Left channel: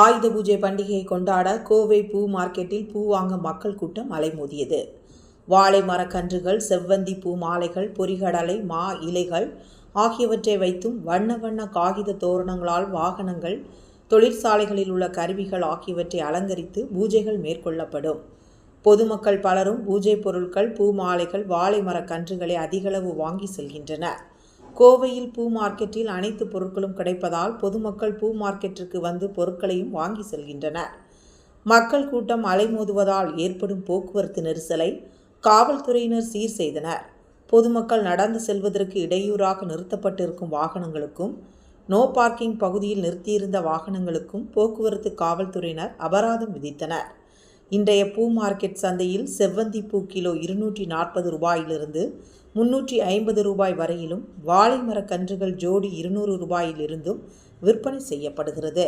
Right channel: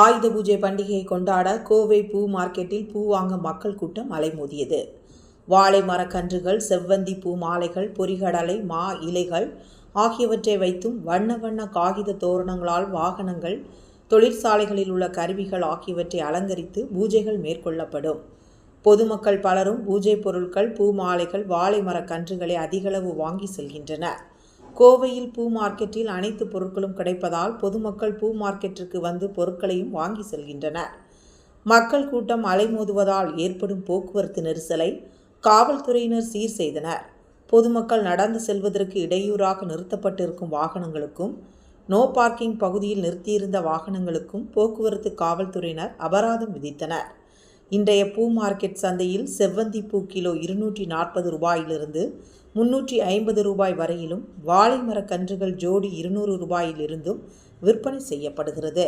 ஆயுத பூஜை பண்டிகையை கொண்டாட கோவை பூ மார்க்கெட்டில் பூ வாங்க மக்கள் கூட்டம் அலைமோதியது. வாழை மரக்கன்றுகள் செவ்வந்தி பூ மாலைகள் பொரிகடலை மா இலைகள் ஆகியவற்றை வைத்தும் வண்ண வண்ண காகித தோரணங்களால் வாகனங்கள் தொழிற்சாலைகளில் உள்ள கருவிகள் ஆகியவற்றை அலங்கரித்து பூஜைகள் மேற்கொள்ளப்படும். பொதுமக்கள் பலரும் பூஜை பொருட்கள் பூ மாலைகள் வாழை மரக்கன்றுகளை அதிகளவு வாங்கி செல்கின்றனர். கோவையில் பூ மார்க்கெட்டில் அனைத்து பொருட்களும் கிடைப்பதால் பொதுமக்கள் பூ மார்க்கெட்டிற்கு வந்து பொருட்களையும் வாங்கி செல்கின்றனர். மக்கள் கூட்டம் அலைமோதுவதால் ஏற்படும் போக்குவரத்து நெரிசலை காவல்துறையினர் சீர் செய்தனர். பொதுமக்கள் நடந்து செல்வதற்கு இடையூறாக நிறுத்தப்பட்டிருக்கும் வாகனங்களுக்கும் நோ பார்க்கிங் பகுதியில் நிறுத்தியிருந்த வாகனங்களுக்கும் போக்குவரத்து காவல்துறையினர் அபராதம் விதித்தனர். இன்றைய பூ மார்க்கெட் சந்தையில் செவ்வந்தி பூ கிலோ இருநூற்றி நாற்பது ரூபாயிலிருந்து முன்னூற்றி ஐம்பது ரூபாய் வரையிலும் வாழை மரக் கன்றுகள் ஜோடி இருநூறு ரூபாயிலிருந்தும் விற்பனை செய்யப்படுகிறது.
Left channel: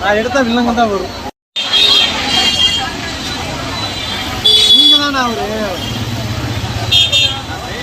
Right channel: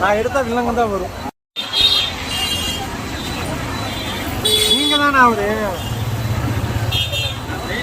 நான் எடுத்த வில்லங்க தான் வரும். நீங்க தானே அவரு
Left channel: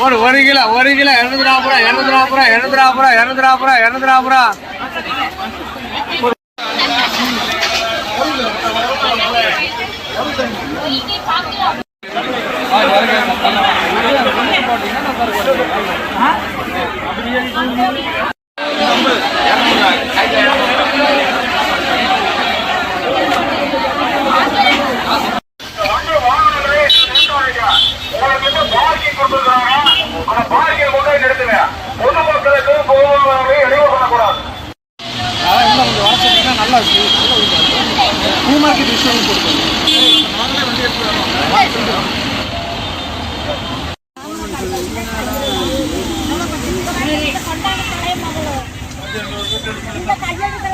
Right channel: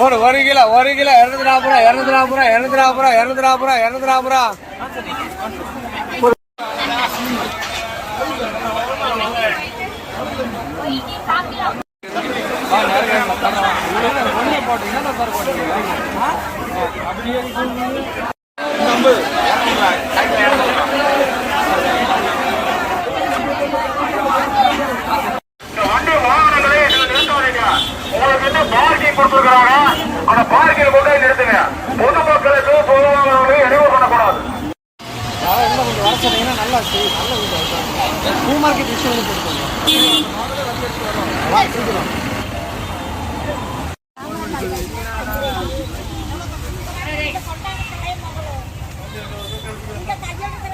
ஒரு ஒரு கிலோ ஒரு கிலோ இரநூத்தி நாற்பது ரூபா இரநூத்தி நாற்பது ரூபா இரநூத்தி நாற்பது ரூபா இரநூத்தி நாற்பது ரூபா இரநூத்தி நாற்பது ரூபா வண்டி பார்க்கில் கொண்டு போய் நிறுத்துங்க. பொதுமக்களுக்கு பொதுவாக இடையூறு பண்ணக்கூடாது. இந்த கையெழுத்து